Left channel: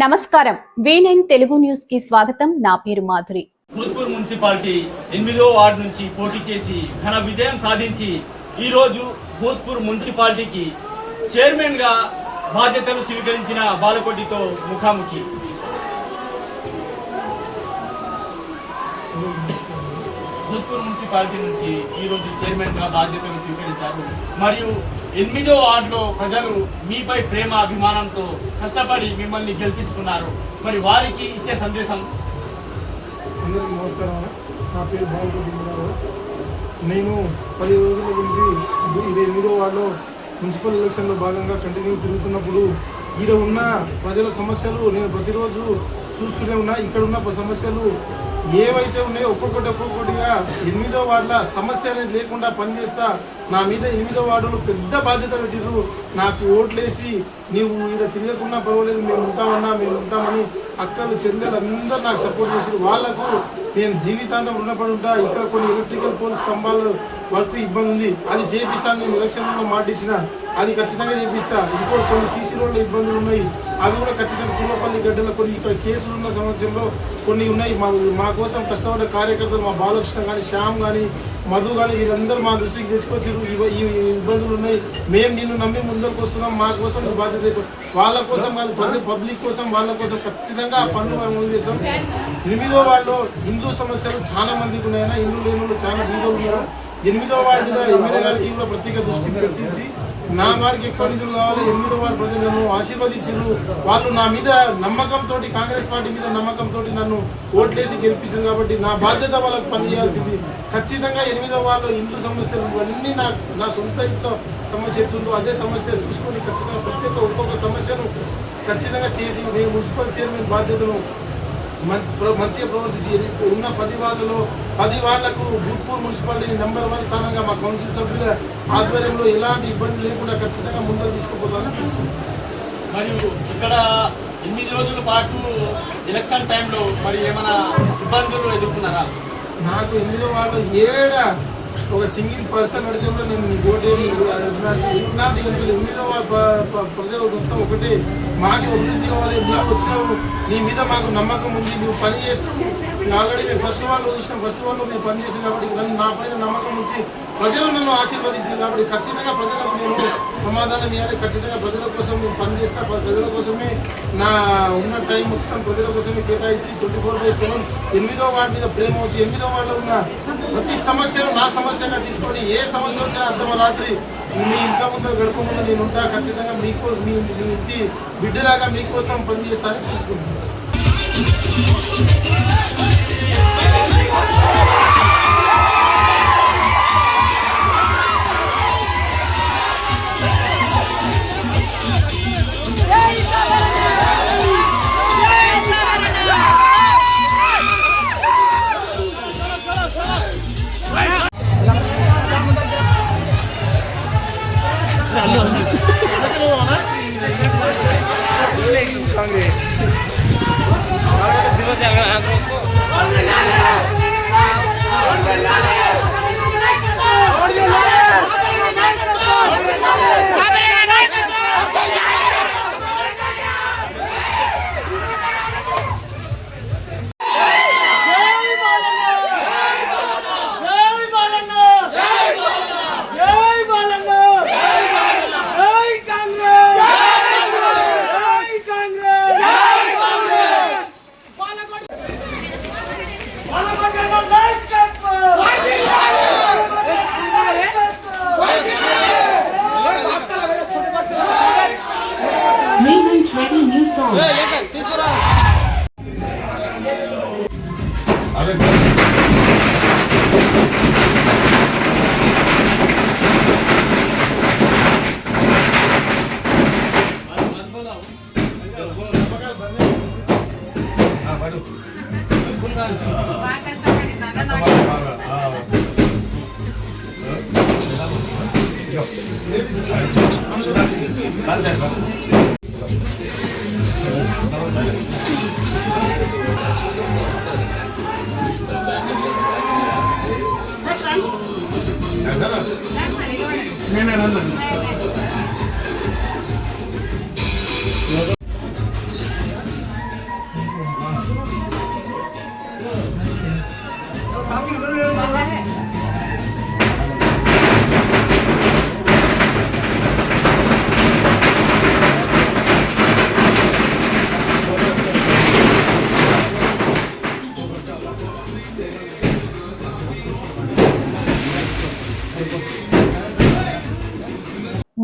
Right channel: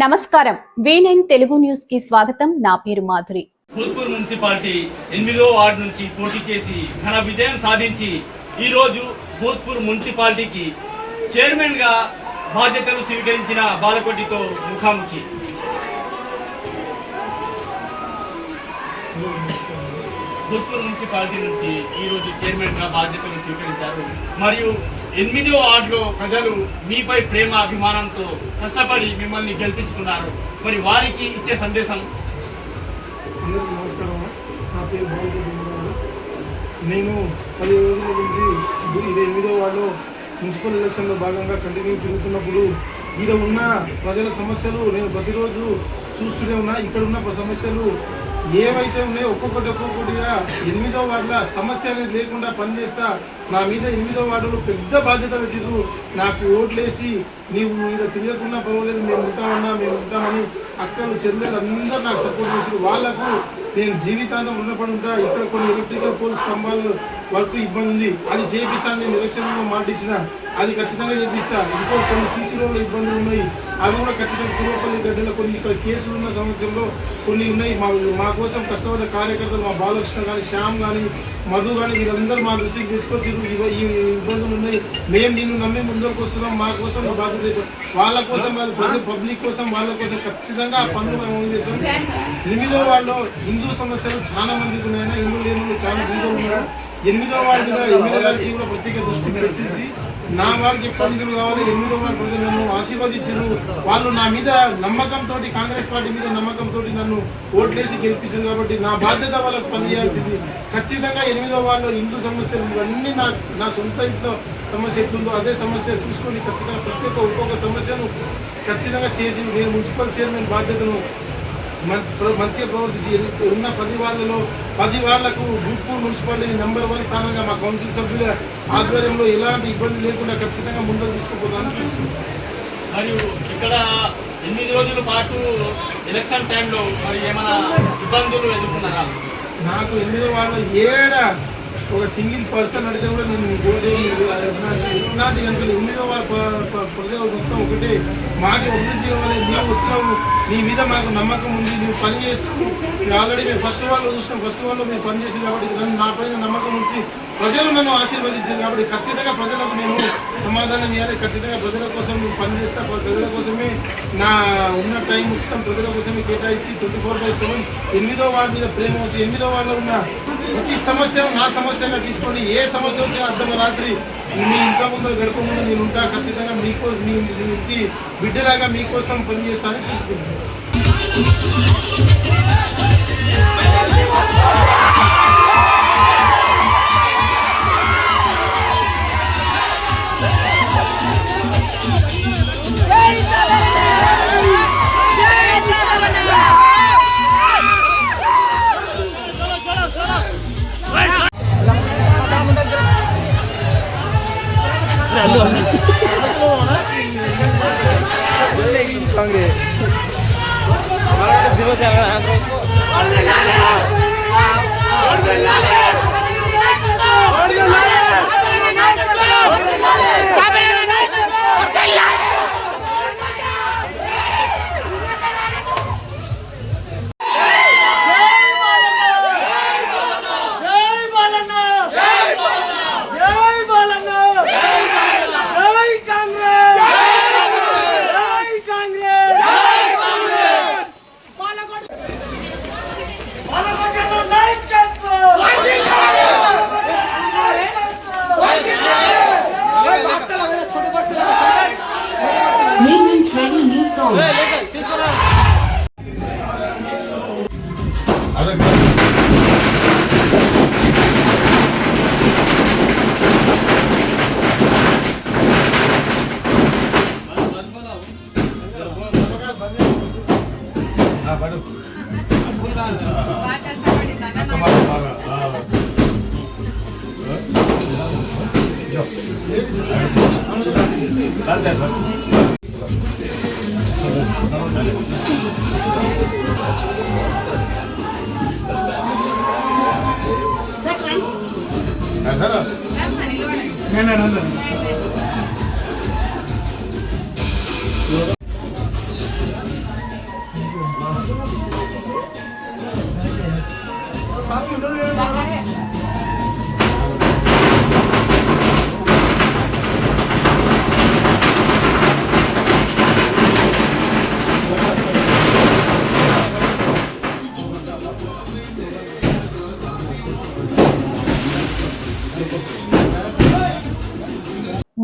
నమస్కారం V9 Telugu news కి స్వాగతం. నా పేరు మాధురి. భూత్పూర్ మున్సిపాలిటీ 8వ వార్డు నుంచి పోటీ చేసి ఘన విజయం సాధించి ఈ రోజు భూత్పూర్ మున్సిపాలిటీకి చైర్మన్ గా బాధ్యతలు స్వీకరించిన బాలకోటితో ముఖాముఖి. భూత్పూర్ మున్సిపాలిటీ నుంచి ఈ రోజు చైర్మన్ గా బాధ్యతలు స్వీకరించారు. మరియు 8వ వార్డులో ప్రజలు మీపై ప్రేమ అభిమానంతో కష్టపడి మిమ్మల్ని గెలిపించుకున్నారు. మరి వారికి ఇచ్చే సందేశం. అందరికీ నమస్కారం. నా పేరు బాలకోటి. నేను 10 రోజుల నుంచి ఇది 8వ వార్డులో మున్సిపల్ ఎలక్షన్లో భాగంగా కంటిన్యూ తిరుగుతున్నప్పుడు ఇక్కడ ఉన్న ప్రజల సమస్యలు నేను ప్రతిరోజు చూస్తూనే ఉన్నా. ఇక్కడ ఉన్న సమస్యలు ఏవైతే ఉన్నాయో ఒక్కొక్కటిగా 8వ వార్డుల సమస్య అనేది లేకుండా పనిచేస్తా. నా మీద 8వ వార్డులో పెద్ద బాధ్యత పెట్టిరు. నాకు ఓట్లేసి నీవు ఇక్కడ తిరగకున్నా పర్వాలేదు, మేము ఉంటామని అక్కలు చెల్లెలు అందరూ నాకు సపోర్ట్ చేసి వాళ్లకు నేను జీవితాంతం రుణపడి ఉంటా. ఇక్కడ కొన్ని ఎలక్ట్రికల్ పోల్స్ స్తంభాలు వర్క్ ఇబ్బంది ఉంది, అది చేపిస్తాను. నేను ఎలక్షన్లో మాట ఇచ్చిన అది ఖచ్చితంగా చేపిస్తా. ఇంకో కొన్ని సీసీ రోడ్ల ఇబ్బందులు ఉన్నాయి, అవి కూడా ఖచ్చితంగా పూర్వపల్లి గడ్డలో కొన్ని ఇక్కడ కేసులు ఉన్న సంవత్సరంలో కొన్ని ఉన్నాయి. మా కోసం కష్టపడే కార్యకర్తలు మా బాలకృష్ణ కానీ, శ్యామ్ కానీ, మధు కానీ వీళ్ళందరూ మా దృష్టికి తెచ్చుకొచ్చి ఈ ఇబ్బందులు ఉన్నాయి, మేము నిన్ను నమ్మి ముందరకు వస్తున్నాం, మా కోసం బాధ్యత వాళ్ళ కోసం కాదు, పబ్లిక్ కోసం, వాళ్ళ కోసం ఖచ్చితంగా ఆ పనులు మేము అమలు చేస్తాం. 8వ వార్డులో హిందూ సమస్యలు చాలా మందికి ఉన్నాయన్నా, హిందూ లేని వాళ్ళు చాలా బీదో ఉన్నారు. 8వ వార్డు మీద ఎమ్మెల్యే గారికి కూడా ప్రత్యేక దృష్టి పెట్టించి నా వారికి ఎక్కువ నిధులు కావాలి, 8వ వార్డు ప్రజలు నన్ను ఆశీర్వదించారు. వాళ్ళు నా మీద నమ్మకంతో, కాంగ్రెస్ పార్టీ మీద నమ్మకంతో నన్ను ఓట్లేసి గెలిపించారు. కాబట్టి నా బాధ్యత వాళ్ళకి పనిచేయాల్సింది. ఖచ్చితంగా 8వ వార్డులో హిందూ సమస్యలు ఇవన్నీ నా సొంత ఇంట్లో సమస్య ఎట్లుందో అదే సమస్య చూసుకొని ఖచ్చితంగా ప్రత్యేక ఒక్కొక్క సమస్యను ఖచ్చితంగా చేసి నేను మున్సిపల్ చైర్మన్ బాధ్యతను మంచిగా ప్రవర్తించి ఉన్న 10 వార్డులలో 10 వార్డులకు భూత్పూర్ మున్సిపాలిటీ నెంబర్ 1 స్థానంగా మా కౌన్సిల్ సభ్యుల ఆధ్వర్యంలో ఎలాంటి ఇబ్బంది లేకుండా ఖచ్చితంగా ముందుకు తీసుకుపోతానని మరియు ఇక్కడ 8 రోజుల పాటు ఎలక్షన్ టైంలో మరి ఏమైనా ఇబ్బందులు ఎదుర్కొన్నారా? నాకు 8వ వార్డులో ఒక సింగిల్ పర్సన్ అడిగితే కూడా నేను ఇలాంటి 8వ వార్డు ప్రజలు మొత్తం ఒకటే, మాకు అభివృద్ధి కావాలి, నువ్వు వచ్చినావు, నీ మీద మాకు నమ్మకం ఉంది, నువ్వు పని చేస్తావు. ఆల్రెడీ మేము ఫస్ట్ వార్డులో చూసినాం, ఫస్ట్ వార్డులో మీరు పనిచేసారు కాబట్టి నా పైన నమ్మకం ఉంచి ప్రజలు నన్ను ఆశీర్వదించారు. కాబట్టి ఖచ్చితంగా ప్రజలకు నేను సమాధానం ఇవ్వాలి. ఖచ్చితంగా ప్రజల కోసం నేను పనిచేస్తా. ప్రజల కోసమే నా ఉన్న టైం మొత్తం ప్రజల కోసమే కేటాయించి 24/7 8వ వార్డు మీద ప్రేమ వచ్చి 8వ వార్డులో ఉన్న ప్రతి సమస్యను నా సమస్యగా తీసుకొని ఏ సమస్య వచ్చినా అర్ధరాత్రి మీ ఇంట్లో ముందు గడప ముందు నేను ఉంటా. ఖచ్చితంగా మీ ఇంటి బిడ్డలాగా మీకోసం పనిచేస్తానని కోరుకుంటున్నాను.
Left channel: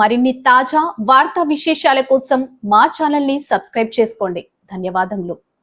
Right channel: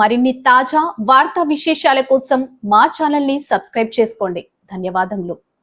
మరిన్ని తాజా వార్తా విశేషాల కోసం మా ఛానల్ ని సబ్స్క్రైబ్ చేసుకోండి. ధన్యవాదములు.